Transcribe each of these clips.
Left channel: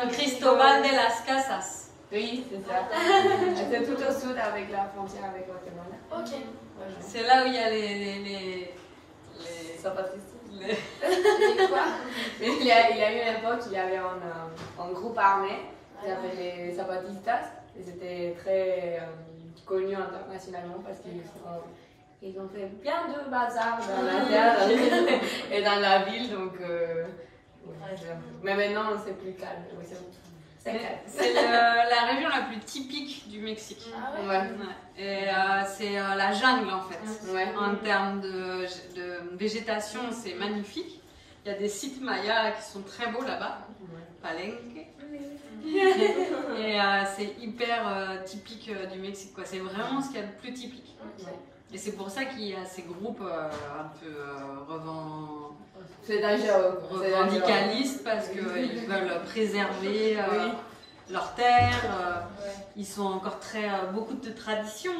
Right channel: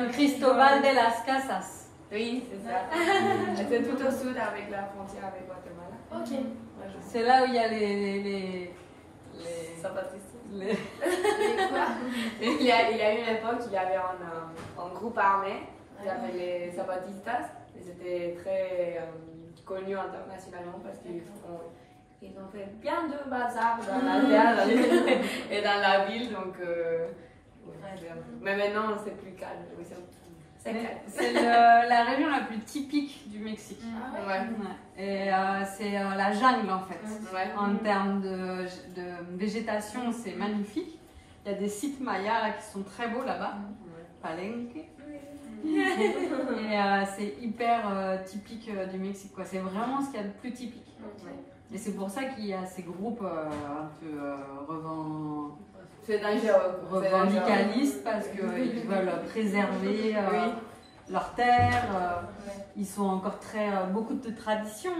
San Cristóbal de las Casas. Oui, c'est ça. C'est tout au sud avec la frontière avec Guatemala. Ok. C'est là où il y a les Zapatistas. les- Quoi? Il y a eu une époque, il y avait un groupe armé qui s'appelait les Zapatistas. Et c'était très connu internationalement parce qu'ils ont fait bien de bazar dans la terre et dans la ville. Donc, mais maintenant, c'est plus calme. C'est calme. C'est la région la plus typique du Mexique. Ah ouais? Ouais. Ouais. Et c'est la jungle en fait. Ouais. En termes de végétation, c'est magnifique. Il y a des sites mayas qui sont très beaux là-bas. Palenque. Et c'est hyper typique du Mexique, quoi. C'est vraiment ce qu'il y a de plus typique. Et c'est pour ça qu'il y a ces groupes un peu C'est dangereux. revendicalistes parce qu'ils veulent préserver leur terre. Ils sont encore beaucoup de traditions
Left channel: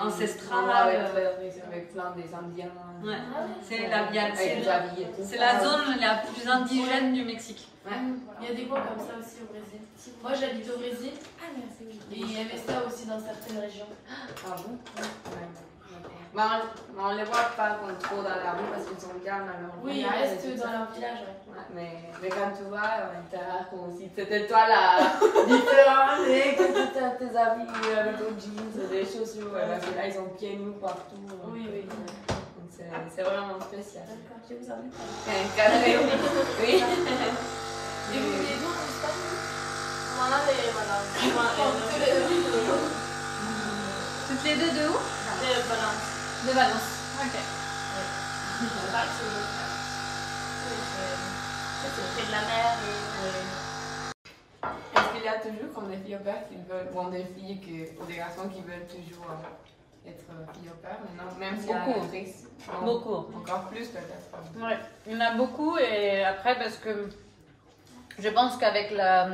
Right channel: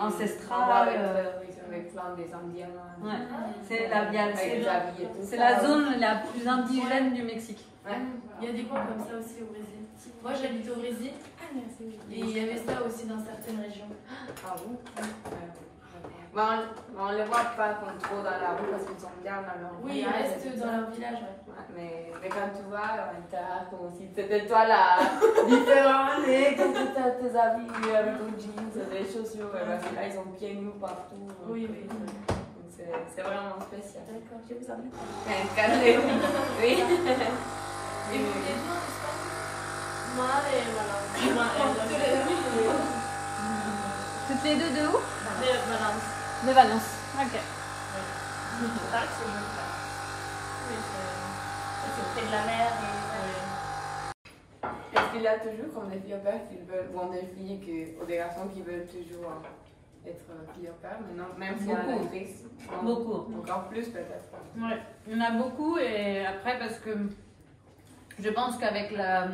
ancestrales. Avec plein des Indiens. Ouais. Avec C'est la zone la plus indigène du Mexique. Ouais. Il y a des coins comme ça aussi au Brésil. Moi j'habite au Brésil et il y avait ça aussi dans certaines régions. Ah bon? Ouais. Mais on les voit pas trop dans la rue parce qu'ils sont calmes dans leur Oui, ils village. restent dans leur village. Ouais, mais quand tu vas, t'as l'air comme si c'était toi la différente et que tu as tes habits avec ton jeans, des chaussures. Parce que là, ils ont pieds nus partout. Oui, oui. C'est vraiment spécial. D'accord, je vous emmène. Un café. Oui. Et vous vivez où en Espagne? Moi, voilà. Toutes les deux de où? De Valence. De Valence. Ok. Ça, c'est le cas. C'est près de la mer et... Est-ce qu'il y a toujours comme des filles au père qui veulent, bon, des filles ou des garçons qui veulent toujours être filles au père maintenant, même si Beaucoup. elle est actrice? Beaucoup. Encore plus peut-être. Ouais. Il y en a beaucoup et après parce que je pense qu'avec la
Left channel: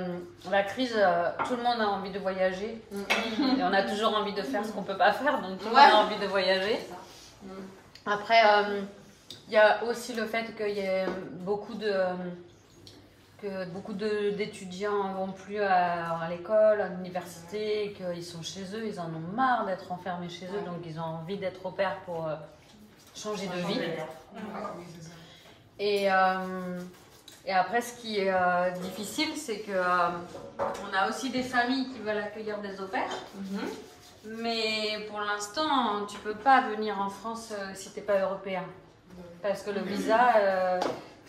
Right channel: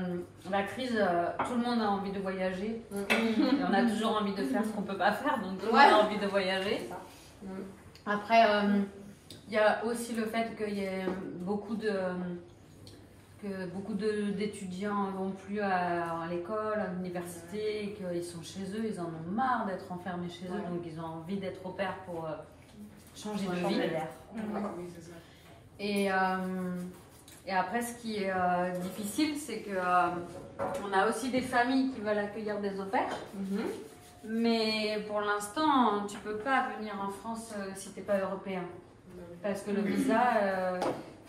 crise, tout le monde a envie de voyager. Et on a toujours envie de faire ce qu'on ne peut pas faire, donc tout le monde a envie de voyager. Après, il y a aussi le fait qu'il y ait beaucoup d'étudiants ne vont plus à l'école, à l'université, et qu'ils sont chez eux, ils en ont marre d'être enfermés chez eux, donc ils ont envie d'être au pair pour changer de vie. Et après, ce qui est difficile, c'est que on a aussi des familles qui veulent accueillir des au pairs. Mais pour l'instant, tu peux pas venir en France si tu n'es pas européen. Parce que le visa,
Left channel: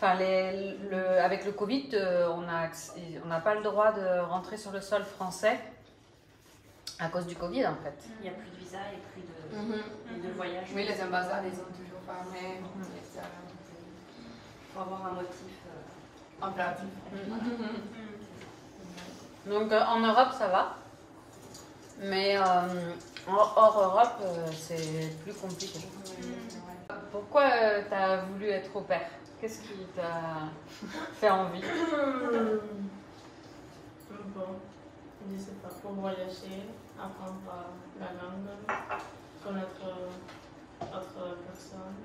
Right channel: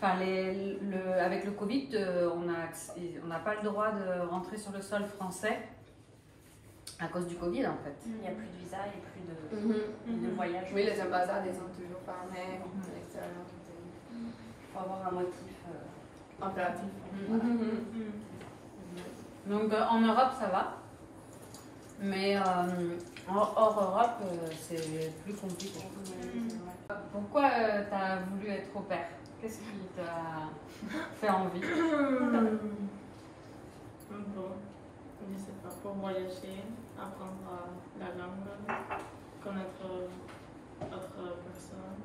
avec le Covid, on n'a pas le droit de rentrer sur le sol français à cause du Covid en fait. Il n'y a plus de visa, il n'y a plus de voyage. Oui, les ambassades, ils sont toujours fermés. Pour avoir un motif. Impératif. Donc en Europe, ça va. Mais hors Europe, c'est plus compliqué. Pourquoi tu as voulu être au pair? Qu'est-ce qui t'a fait envie? Bon, je sais pas, pour voyager, apprendre la langue, connaître d'autres personnes.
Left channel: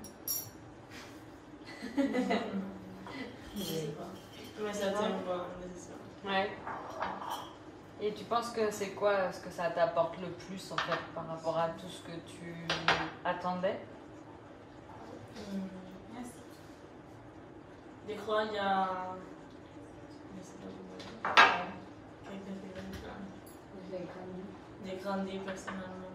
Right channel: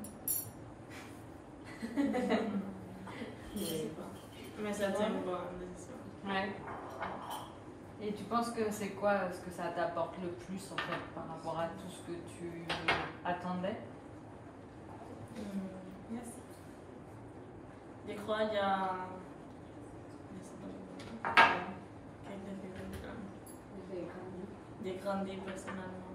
Je sais pas. Mais ça tient une bonne décision. Ouais. Et tu penses que c'est quoi ce que ça t'apporte le plus en fait par rapport à tout ce que tu attendais? Merci. Je crois qu'il y a. Je sais pas comment dire. J'ai grandi personnellement.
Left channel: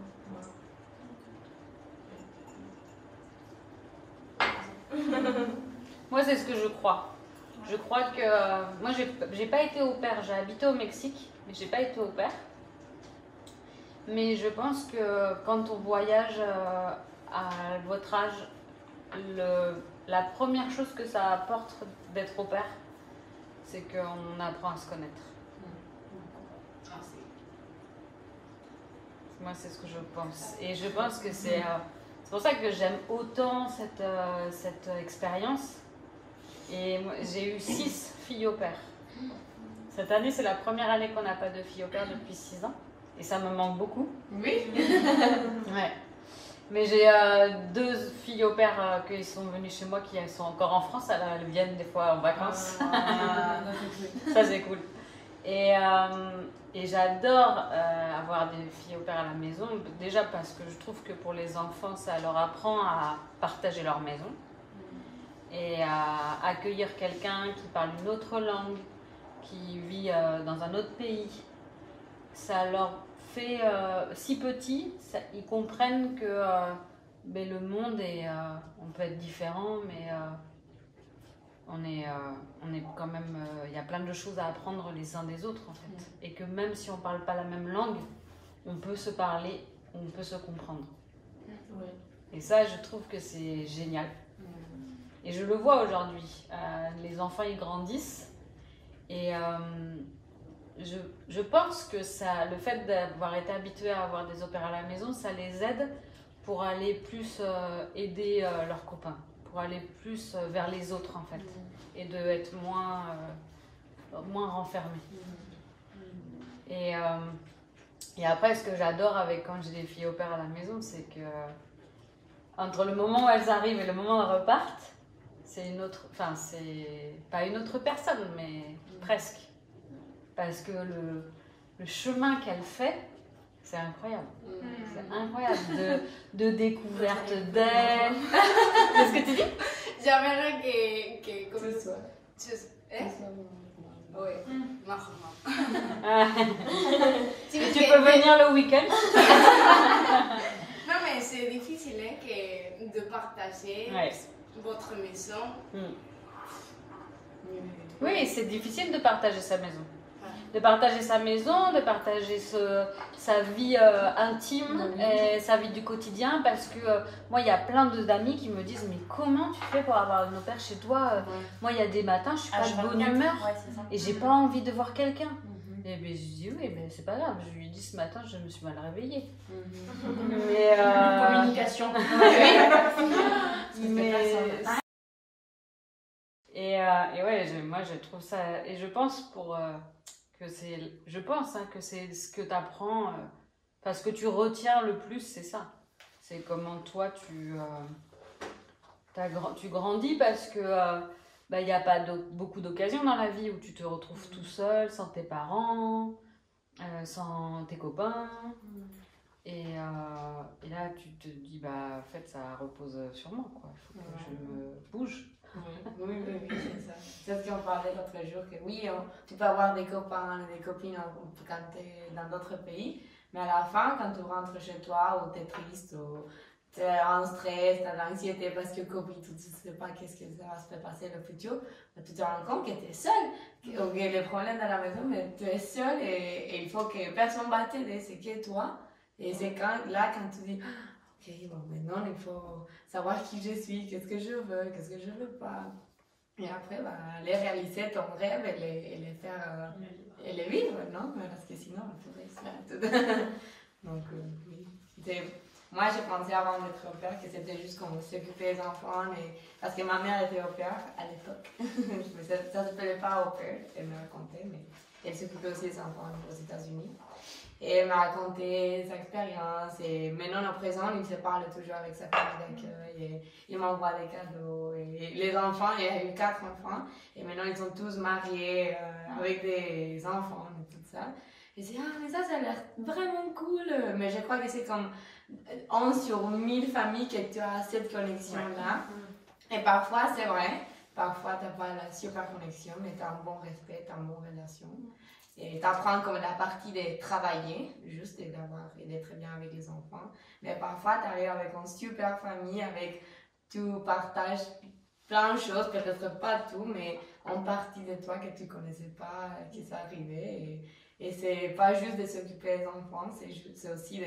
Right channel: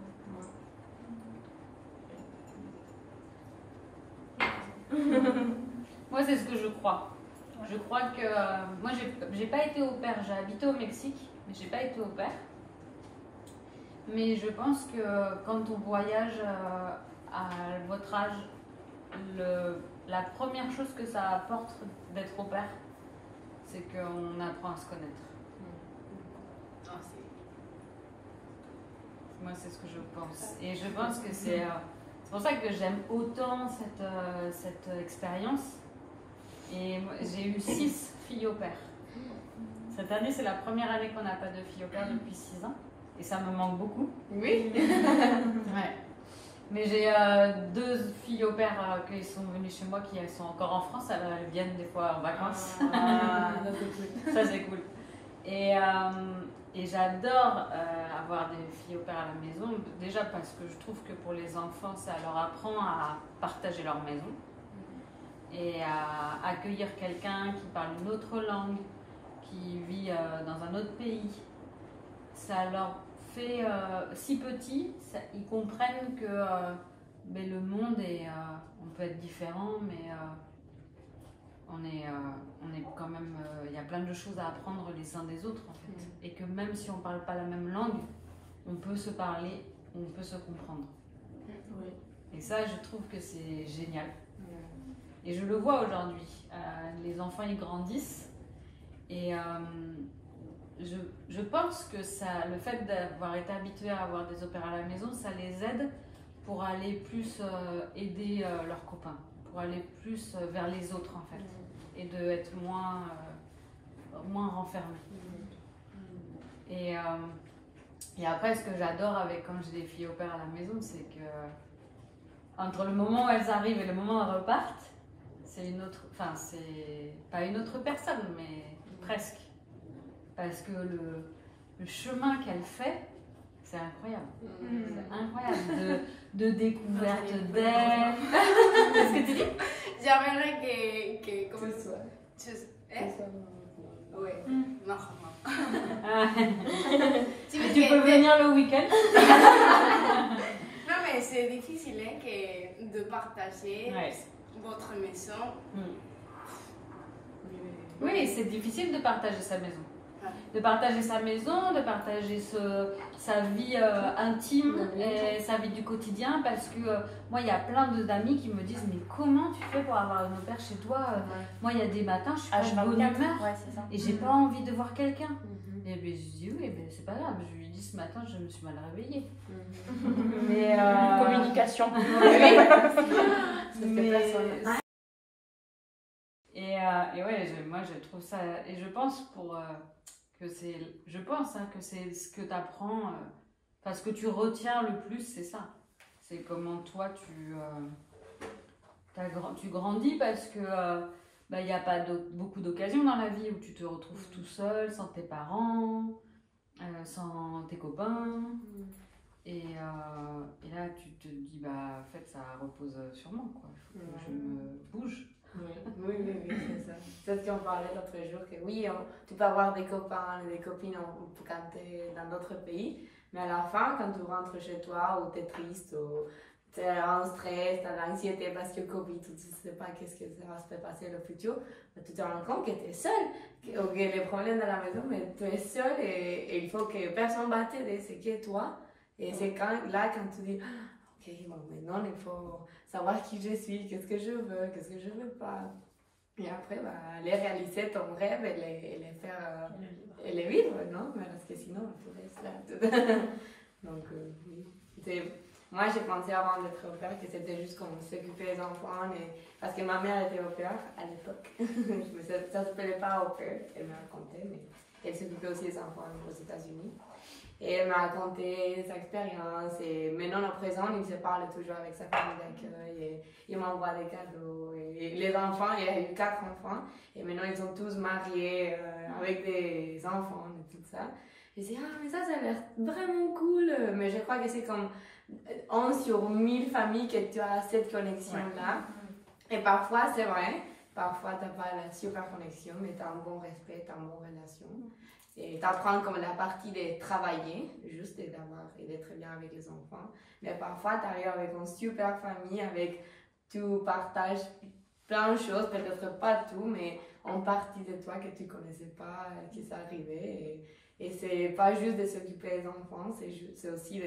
Moi, c'est ce que je crois. Je crois que moi, j'ai pas été au pair. J'ai habité au Mexique, mais j'ai pas été au pair. Mais je pense que quand on voyage à votre âge, la première chose que ça apporte d'être au pair, c'est qu'on apprend à se connaître. Moi, c'est ce que je pense. Et je pense que c'est pour ça que j'aime autant cette expérience. Et j'ai eu 6 filles au pair. Cette année, c'est la première année qu'on n'a pas de filles au pair depuis 6 ans. Et ça me manque beaucoup. Oui. Ouais. Mais j'ai 2 filles au pair qui sont venues chez moi, qui sont encore en France. Elles viennent des fois en vacances. Ça, c'est cool. Et j'adore avoir des filles au père à la maison, déjà parce que je trouve que pour les enfants, ça leur apprend à partager leur maison et à accueillir quelqu'un qui parle une autre langue, qui vit dans un autre pays. Ça leur fait, si petits, ils comprennent que ben, le monde est, on peut être différent, mais on est quand même, il y a plein de choses à apprendre les uns des autres en fait. Et que même si on parle pas la même langue, on peut se parler, on peut se comprendre. Et ça, je trouve que c'est génial. Et je le vois aujourd'hui. Les enfants, ils grandissent. Et je pense que ça, le fait d'avoir été habitué à avoir des opéras à la maison, ça les aide pour aller plus aider leurs copains, pour aller plus vers les autres en fait, et de être moins renfermés. Et après, ce que j'adore avec quand j'ai des filles au père à la maison, c'est que entre le moment où elles arrivent et le moment où elles repartent, c'est une autre, enfin c'est pas une autre personne, mais presque, parce que le chemin qu'elle fait, c'est incroyable. C'est incroyable de découverte d'elle. Qu'est-ce que tu dis? J'aimerais que comme Ce soir. Oui. Non. Tu peux venir le week-end. Non, mais c'est difficile hein, de partager votre maison. Oui, c'est difficile de partager sa maison. De partager sa maison, de partager sa vie intime, et sa vie du quotidien, parce que moi, il y a plein d'amis qui me disent mais comment tu fais pour avoir une au-pair chez toi? Moi, il y a des matins, je suis pas de bonne humeur et j'ai pas envie de voir quelqu'un. Et bien, je dis oui, mais c'est pas grave. Je lui dis ce matin, je me suis mal réveillée. Mais communication. Et ouais, moi je trouve ça, et je pense que c'est, que c'est ce que tu apprends, parce que tu retiens le plus, c'est ça. C'est comment toi tu grandis, parce que il n'y a pas beaucoup d'occasions dans la vie où tu te retrouves tout seul, sans tes parents, sans tes copains. Et là, tu te dis, en fait, ça repose sur moi, quoi. Il faut que je bouge. Oui, c'est ça. C'est ce qu'on parlait l'autre jour, que oui, tu peux avoir des copains et des copines quand tu es dans d'autres pays, mais à la fin, quand tu rentres chez toi, ou tu es triste, ou tu es en stress, tu as l'anxiété parce que Covid, tu ne sais pas qu'est-ce que ça va se passer le futur, tu te rends compte que tu es seul, ou que les problèmes dans la maison, mais tu es seul et il faut que personne ne va t'aider, c'est que toi. Et c'est quand tu dis, ok, bon, maintenant il faut savoir qui je suis, qu'est-ce que je veux, qu'est-ce que je veux pas. Et après, aller réaliser ton rêve et les faire, et les vivre, non? Parce que sinon, on pourrait se faire tout. Donc, oui. Moi, j'ai pensé avant d'être au père que c'était juste comme s'occuper des enfants, parce que ma mère était au père à l'époque. Ça ne s'appelait pas au père, elle me racontait, mais elle s'occupait aussi des enfants aux États-Unis. Et elle m'a raconté sa expérience. Et maintenant, à présent, il se parle toujours avec sa famille d'accueil. Il m'envoie des cadeaux. Et les enfants, il y a eu 4 enfants. Et maintenant, ils sont tous mariés avec des enfants et tout ça. Et je dis, mais ça a l'air vraiment cool. Mais je crois que c'est comme 11 sur 1000 familles que tu as cette connexion-là. Et parfois, c'est vrai. Parfois, tu n'as pas la super connexion, mais tu as un bon respect, tu as une bonne relation. Et tu apprends comme la partie de travailler, juste d'être bien avec les enfants. Mais parfois, tu arrives avec une super famille, avec tu partages plein de choses, peut-être pas tout, mais en partie de toi que tu connaissais pas, qui s'est arrivé. Et c'est pas juste de s'occuper des enfants, c'est aussi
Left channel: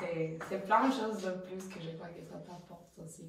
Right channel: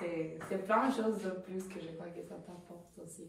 c'est plein de choses de plus que je crois que ça t'apporte aussi.